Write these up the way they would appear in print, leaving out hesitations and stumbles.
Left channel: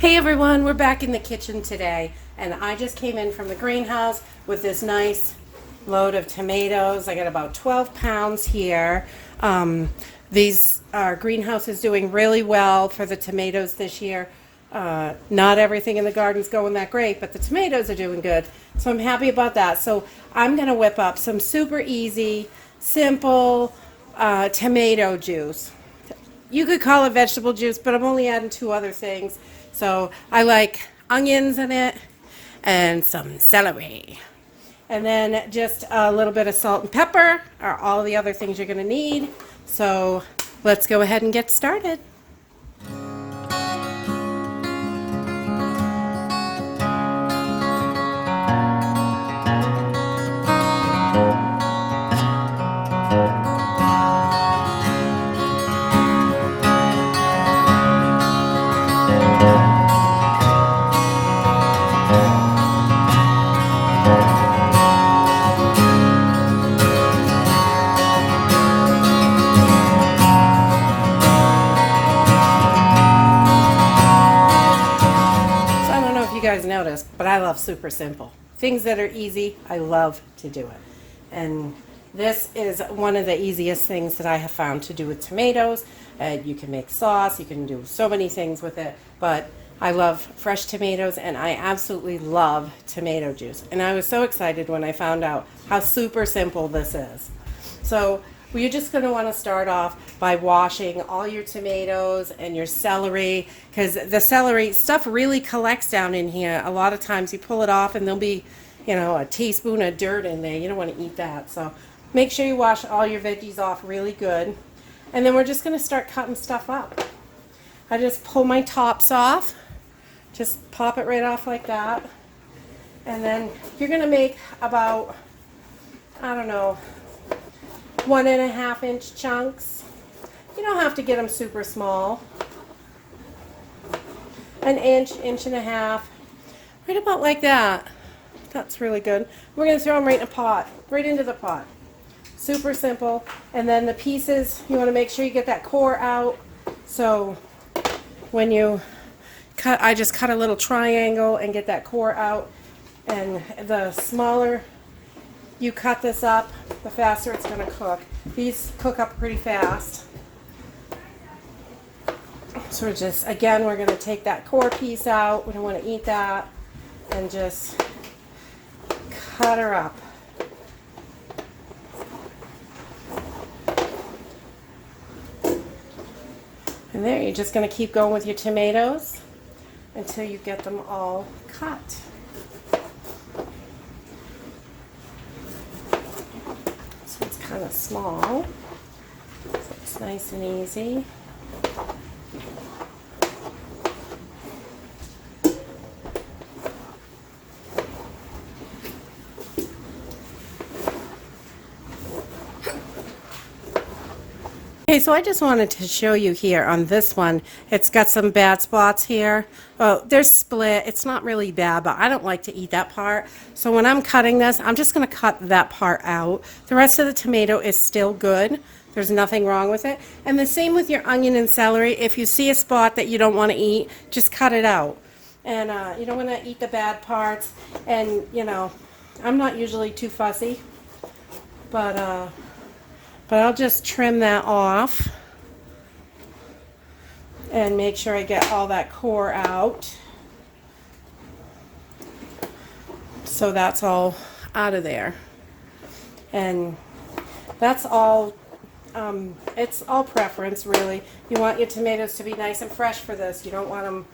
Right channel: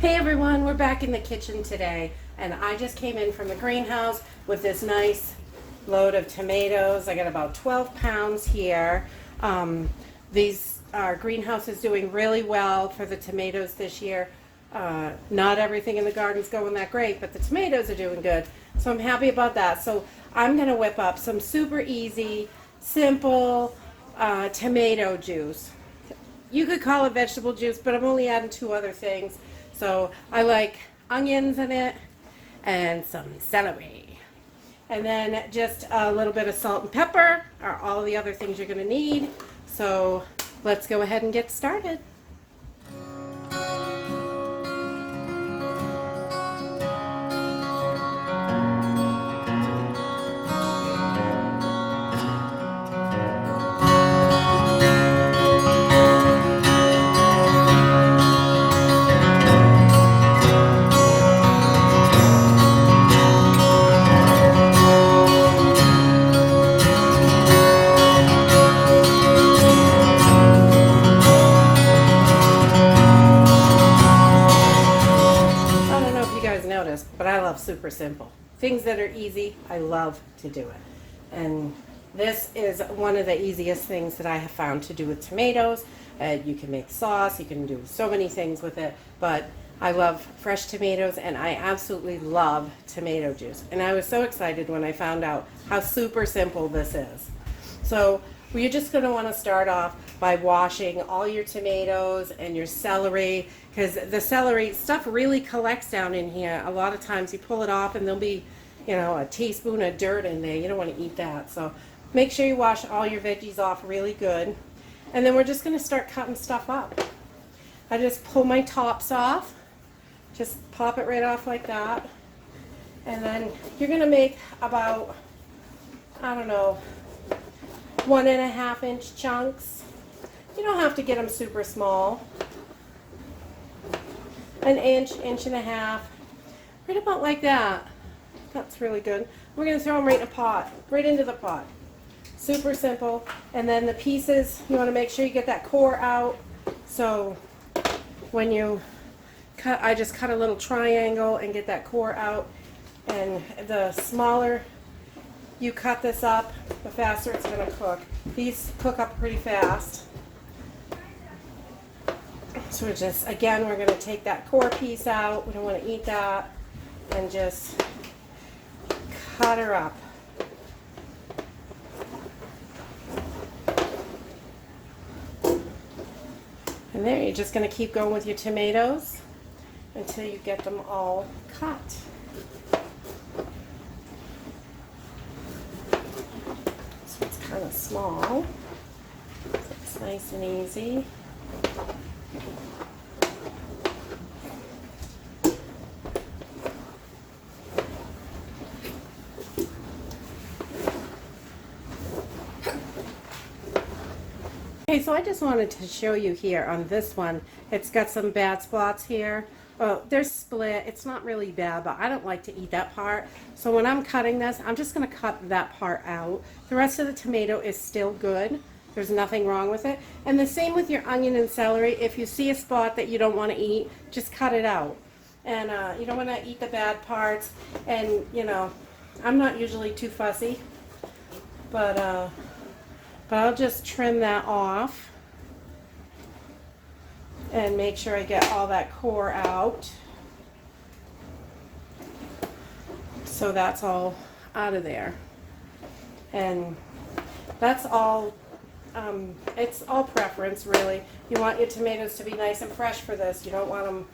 Hey everyone, we're back in the kitchen today, and I just came in from the greenhouse with this nice load of tomatoes. I got about 12 pounds here. Our greenhouse is doing really well for the tomatoes this year. Not everything in the garden's going that great, but the tomatoes are doing good, so I'm happy about that. So I'm gonna whip up some super easy, simple tomato juice. You could call it vegetable juice, but I'm only adding two other things. So I like onions in it and some celery. And then just a little bit of salt and pepper are all the other things you're going to need. So let's go ahead and get started. You guys noticed, but I love super simple. Things that are easy, I love to do it. And this is one of the easiest things that I have found to do with tomatoes. You can make sauce, you can do so many things with it, but I love fresh tomatoes and I absolutely love tomato juice. And I was so excited when I found out how super simple this is. So you're just going to want to start off by washing all your tomatoes and your celery, because the celery stuff really collects down in here. A lot of times you pull it off and there'll be, a teaspoon of dirt in there. You don't want to eat that. So make sure you wash all your veggies off really good. And then we're just going to start cutting stuff up. I just pull my tops off. Just pop it right off like that. And then you're going to make about, 1.5 inch chunks. You don't have to get them super small. An inch, inch and a half, right about like that. That's really good. We're going to throw them right in a pot, right into the pot. Super simple. And then the pieces, you want to make sure you get that core out. So when you cut, I just cut a little triangle and get that core out. And the smaller you cut this up, the faster it's going to cook. These cook up pretty fast. So we're going to take that core piece out. We don't want to eat that. And just cut her up. And there, you're just going to keep going with your tomatoes until you get them all cut. Kind of small, so it's nice and easy. Okay, so I just wanted to show you here on this one, it's got some bad spots here. Oh, they're split. It's not really bad, but I don't like to eat that part. So when I'm cutting this, I'm just going to cut that part out. The rest of the tomato is still good. There's nothing wrong with it. And the same with your onion and celery. If you see a spot that you don't want to eat, just cut it out. And you don't want to eat the bad parts. And, I'm not usually too fussy, but I'll just trim that off and make sure I get all that core out. So that's all out of there. And that's all, it's all preference really. You want your tomatoes to be nice and fresh for this. You don't want them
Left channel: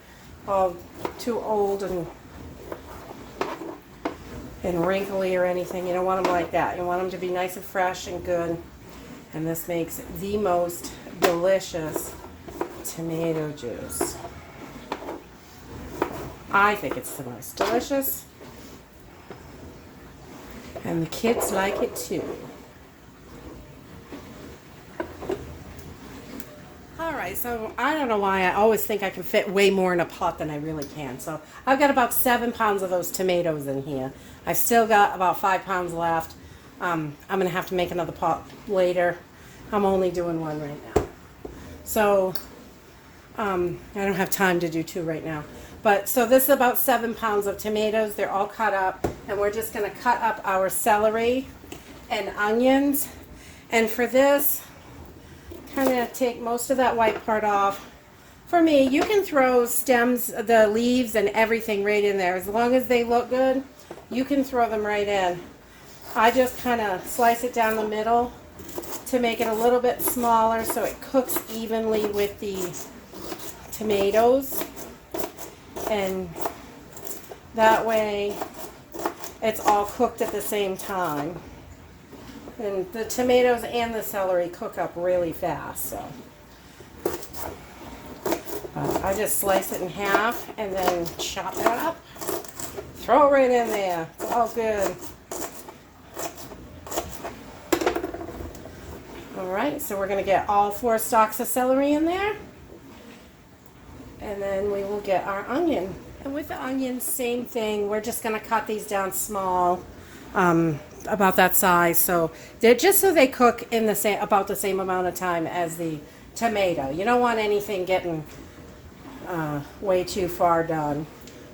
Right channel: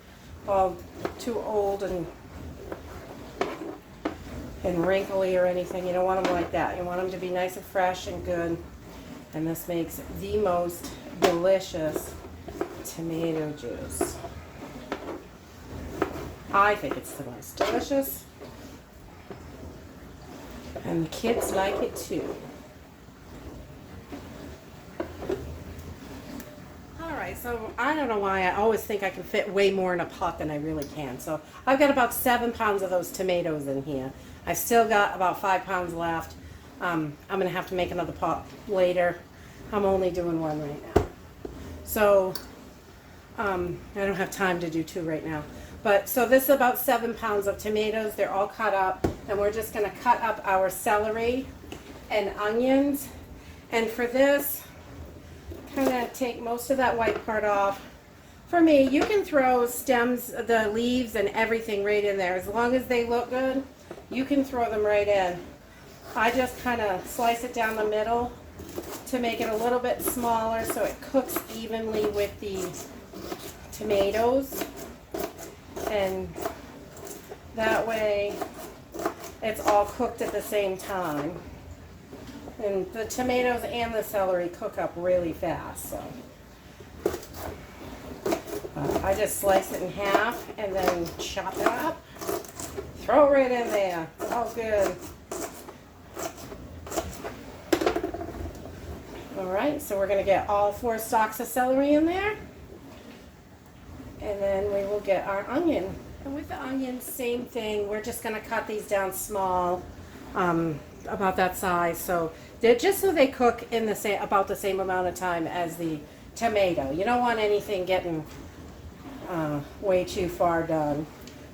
all too old and wrinkly or anything. You don't want them like that. You want them to be nice and fresh and good. And this makes the most delicious tomato juice. I think it's the most delicious. And the kids like it too. Alright, so I don't know why I always think I can fit way more in a pot than I really can. So I've got about 7 pounds of those tomatoes in here. I've still got about 5 pounds left. I'm going to have to make another pot later. I'm only doing one right now. So I don't have time to do two right now. But so this is about 7 pounds of tomatoes. They're all cut up, and we're just going to cut up our celery and onions. And for this, kind of take most of that white part off. For me, you can throw stems, the leaves and everything right in there. As long as they look good, you can throw them right in. I just kind of slice it down the middle to make it a little bit smaller so it cooks evenly with the tomatoes. And that way it's all cooked at the same time. And the tomatoes and the celery cook up really fast, so. I just slice it in half and then chop it up. Throw it right in there. It's all good. Alright, so we're going to get all 4 stalks of celery in there. And then we will get our onion. And with the onions, same thing. We're just going to cut these down small, about that size. So they're just so they cook in the about the same amount of time as the tomato. You don't want anything getting way too far done.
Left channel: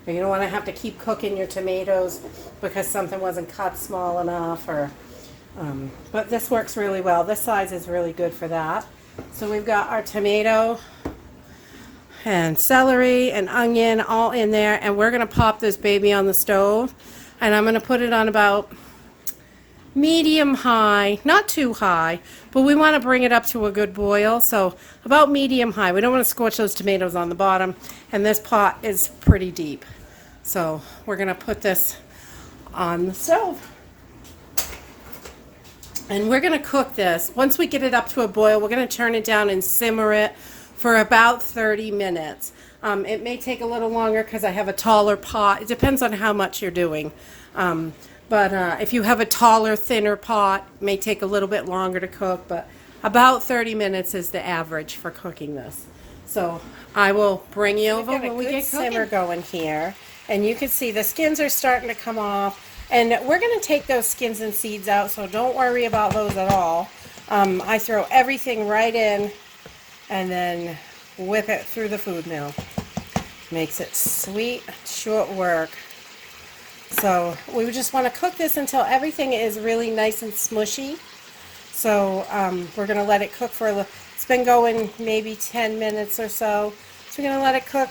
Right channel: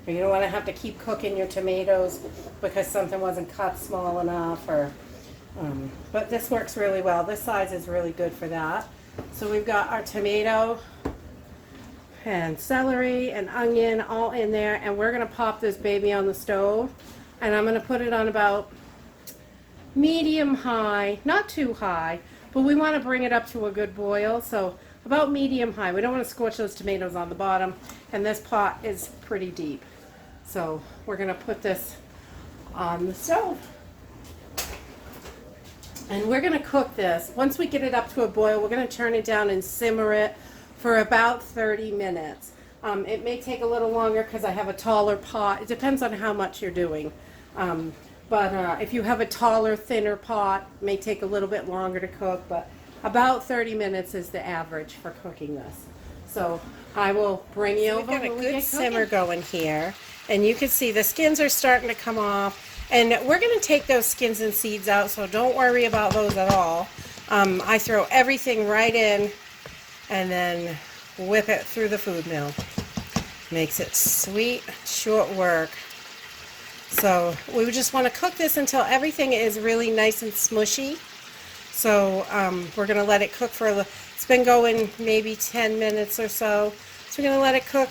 You don't want to have to keep cooking your tomatoes because something wasn't cut small enough, or but this works really well. This size is really good for that. So we've got our tomato and celery and onion all in there, and we're going to pop this baby on the stove, and I'm going to put it on about medium high, not too high, but we want to bring it up to a good boil, so about medium high. We don't want to scorch those tomatoes on the bottom, and this pot is pretty deep. So we're going to put this on the stove. And we're going to cook this. Once we get it up to a boil, we're going to turn it down and simmer it for about 30 minutes. It may take a little longer because I have a taller pot. It depends on how much you're doing. But if you have a taller, thinner pot, it may take a little bit longer to cook, but about 30 minutes is the average for cooking this. So I will bring you over. We've got a good simmer going here, and you can see the skins are starting to come off. And we're going to take those skins and seeds out, so don't worry about those at all. I throw everything right in and then whip it through the food mill. Makes it sweet, short work. So we just want to cook this until everything is really nice and smushy. So we're going to let it cook for a little. It's been going maybe 10 minutes or so. So we're going to let it cook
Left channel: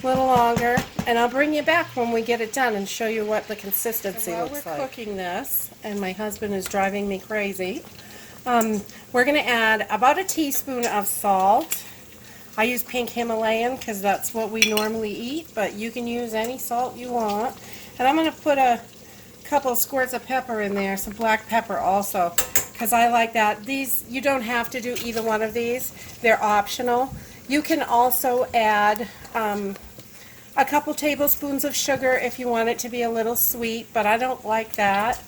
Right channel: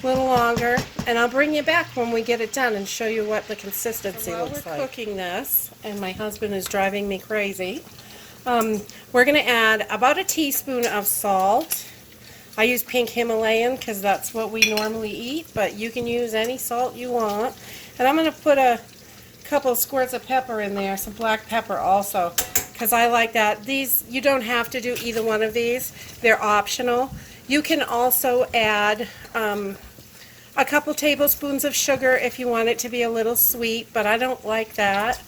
a little longer, and I'll bring you back when we get it done and show you what the consistency looks like. While we're cooking this, and my husband is driving me crazy, we're going to add about a teaspoon of salt. I use pink Himalayan because that's what we normally eat, but you can use any salt you want. And I'm going to put a couple of squirts of pepper in there, some black pepper also, because I like that. These, you don't have to do either one of these. They're optional. You can also add a couple tablespoons of sugar if you want it to be a little sweet, but I don't like that.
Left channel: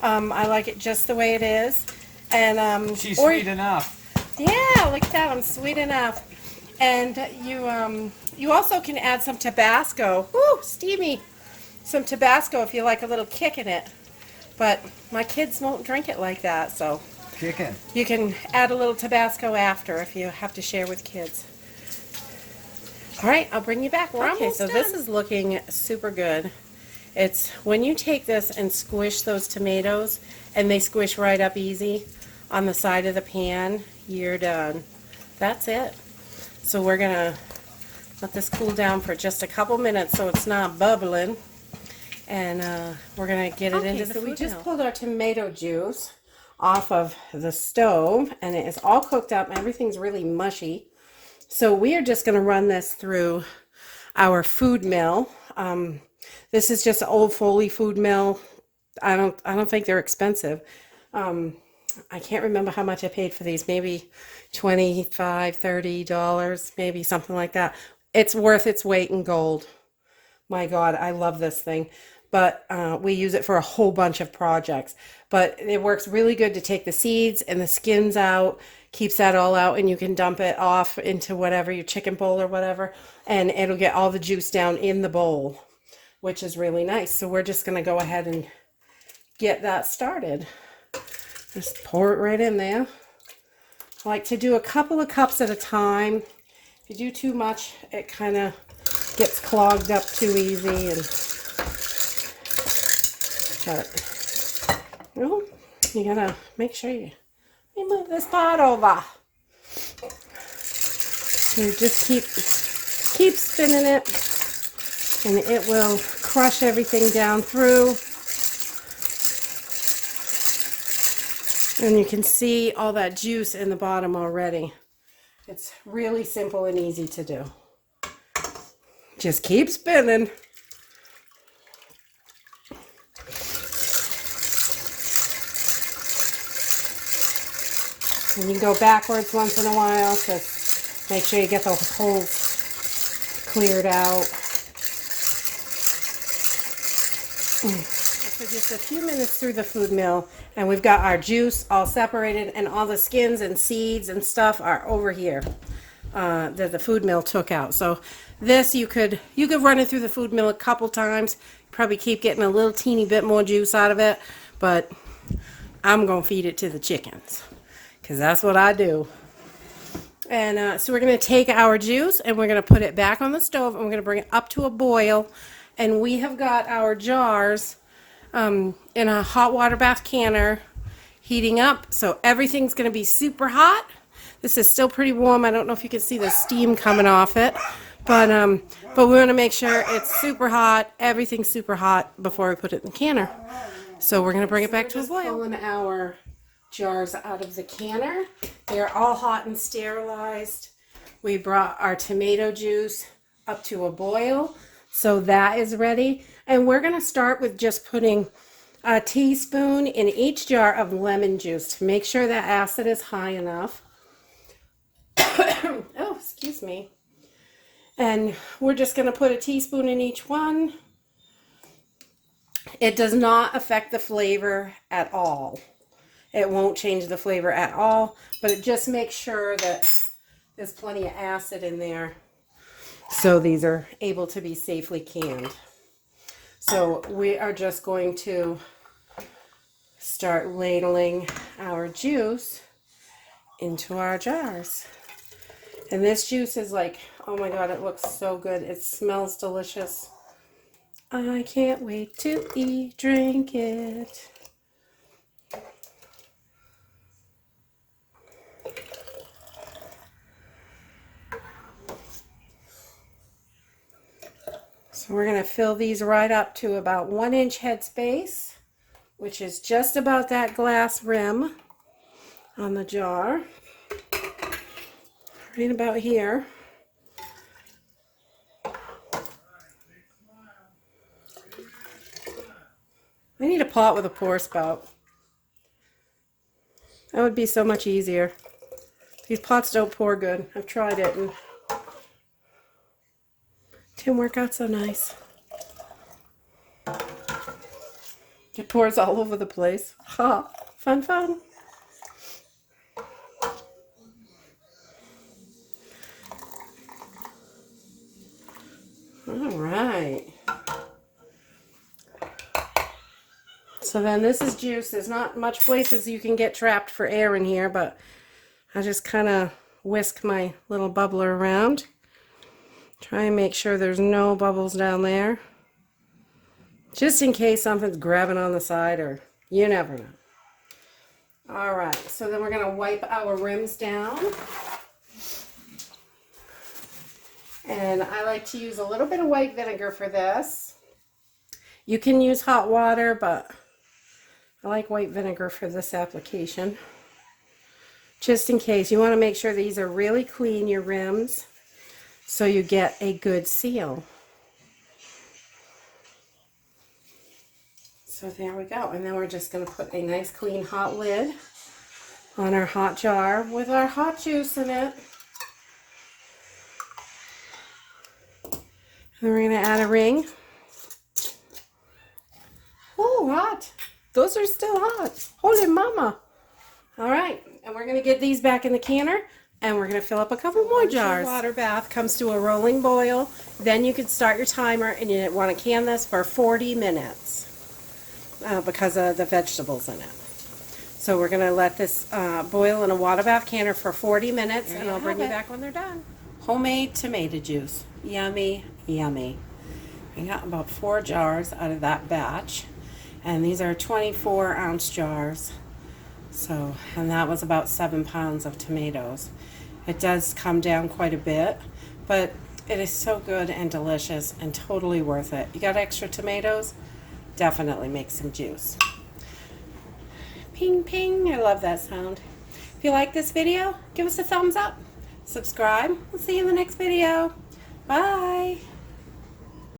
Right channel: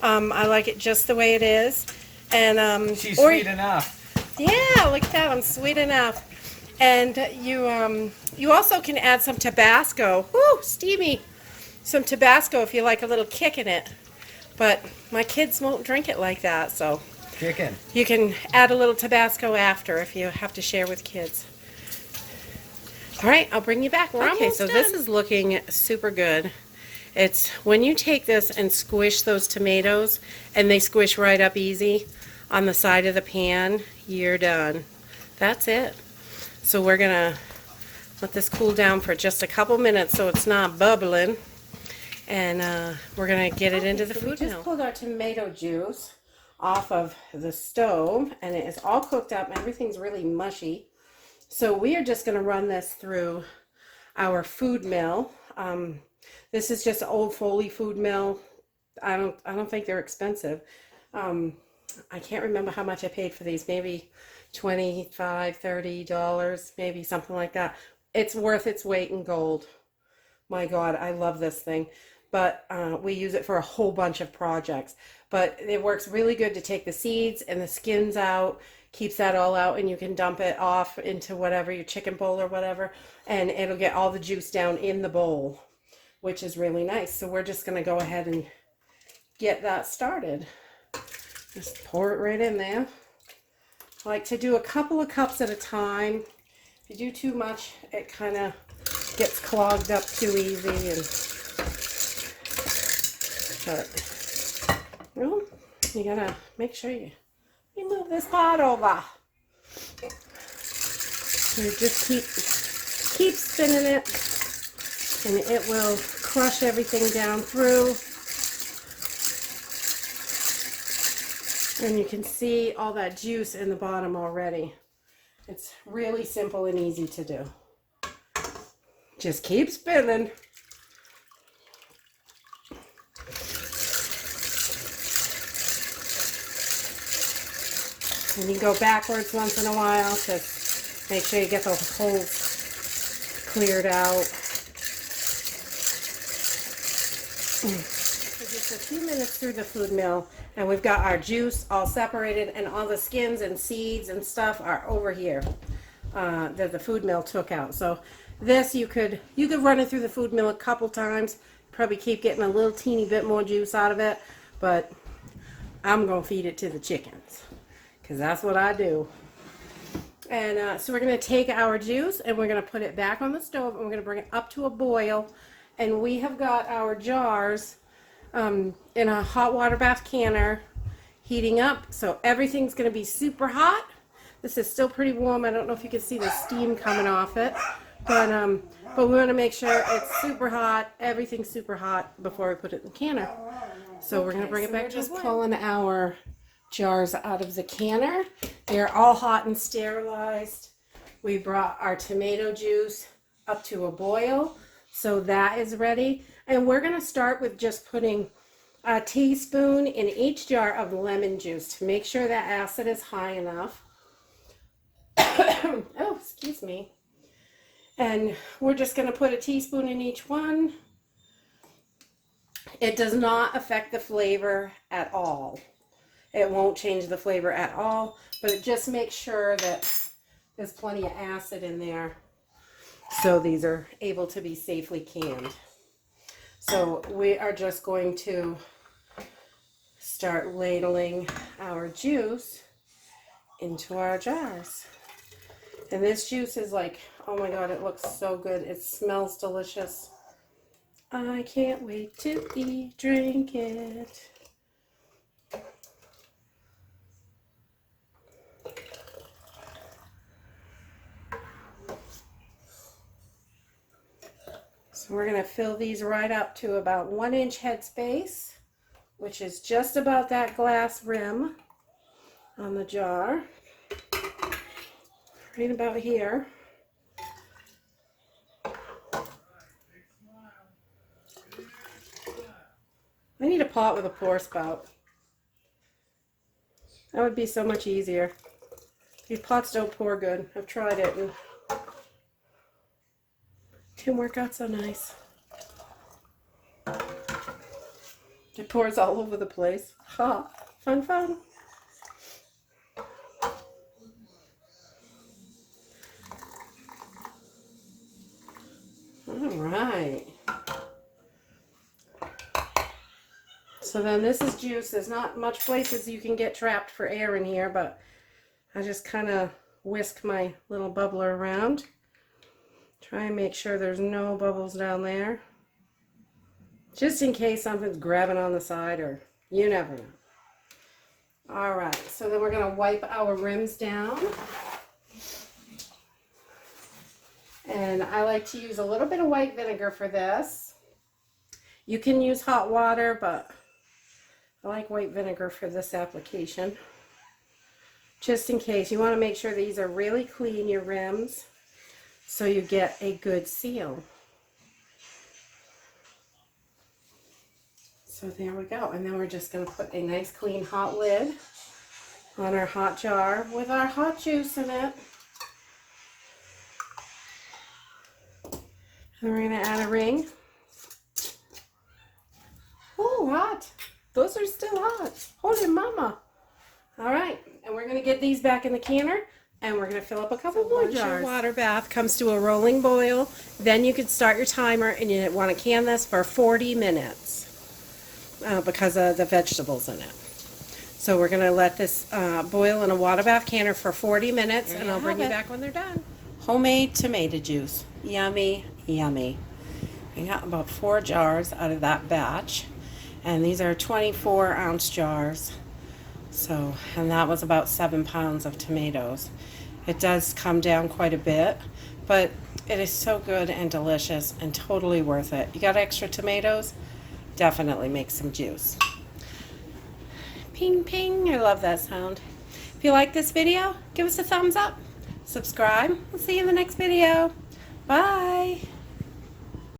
I like it just the way it is. And she's sweet enough. Yeah, look at that. I'm sweet enough. And you also can add some Tabasco. Woo, steamy. Some Tabasco if you like a little kick in it. But my kids won't drink it like that, so Chicken. You can add a little Tabasco after if you have to share with kids. All right, I'll bring you back. We're almost done. This is looking super good. It's when you take this and squish those tomatoes, and they squish right up easy on the side of the pan, you're done. That's it. So we're gonna let this cool down for just a couple minutes so it's not bubbling, and we're gonna get it into the food. We just pulled our tomato juice off of the stove, and it is all cooked up. Everything's really mushy. So we are just going to run this through our food mill. This is just an old Foley food mill. I don't think they're expensive. I can't remember how much I paid for these. Maybe $25, $30, maybe something like that. It's worth its weight in gold. My God, I love this thing. But we use it for a whole bunch of projects. But it works really good to take the seeds and the skins out. Keeps that all out, and you can dump it off into whatever, your chicken bowl or whatever, and it'll get all the juice down in the bowl, which is really nice. So we're just going to go ahead and get that started. Just pour it right in there. I like to do a couple of cups at a time. If you do too much, it kind of gets clogged up too easy. And well, you gotta make sure you move this pot over. You just keep spinning it, and it will crush everything down through. And you can see all that juice in the bottom already. It's really simple and easy to do. Just keep spinning. And you go backwards once in a while to make sure you get the holes cleared out. For just a few minutes through the food mill, and we've got our juice all separated, and all the skins and seeds and stuff are over here that the food mill took out. So this you could run it through the food mill a couple times, probably keep getting a little teeny bit more juice out of it, but I'm gonna feed it to the chickens because that's what I do. And so we're going to take our juice and we're going to put it back on the stove, and we're going to bring it up to a boil. And we have got our jars in a hot water bath canner heating up, so everything's going to be super hot. This is still pretty warm. I don't know if you can see the steam coming off it, but we want to make sure it's super hot, everything's super hot before we put it in the canner. So we're going to bring it back to a boil. Pulling our jars out of the canner. They're all hot and sterilized. We brought our tomato juice up to a boil, so that is ready. And we're going to start with just putting a teaspoon in each jar of lemon juice to make sure that acid is high enough. Oh, excuse me. And we're just going to put a teaspoon in each one. It does not affect the flavor at all. It won't change the flavor at all, but it just makes sure that there's plenty of acid in there so these are able to be safely canned. So we are just going to start ladling our juice into our jars. And this juice is like, oh my God, it looks so good. It smells delicious. I can't wait to drink it. So we're going to fill these right up to about 1 inch headspace, which is just about that glass rim on the jar. Right about here. I need a pot with a pour spout. That would be so much easier. These pots don't pour good. I've tried it and didn't work out so nice. It pours all over the place. Ha! Fun, fun. All right. So then this is juice. There's not much places you can get trapped for air in here, but I just kind of whisk my little bubbler around. Try and make sure there's no bubbles down there, just in case something's grabbing on the side, or you never know. All right, so then we're going to wipe our rims down. And I like to use a little bit of white vinegar for this. You can use hot water, but I like white vinegar for this application. Just in case. You want to make sure these are really clean, your rims, so you get a good seal. So there we go. And then we're just going to put a nice clean hot lid on our hot jar with our hot juice in it. And we're going to add a ring. Oh, hot. Those are still hot. Holy mama. All right. And we're going to get these back in the canner. And we're going to fill up a couple more jars. Once your water bath comes to a rolling boil, then you can start your timer, and you want to can this for 40 minutes because of the vegetables in it. So we're going to let this boil in a water bath canner for 40 minutes, and I'll bring you back when they're done. Homemade tomato juice. Yummy, yummy. I got about 4 jars out of that batch, and these are 24-ounce jars. So, and that was about 7 pounds of tomatoes. It does come down quite a bit, but it is so good and delicious and totally worth it. You got extra tomatoes? Definitely make some juice. Ping, ping. I love that sound. If you like this video, give us a thumbs up. Subscribe. We'll see you in the next video. Bye.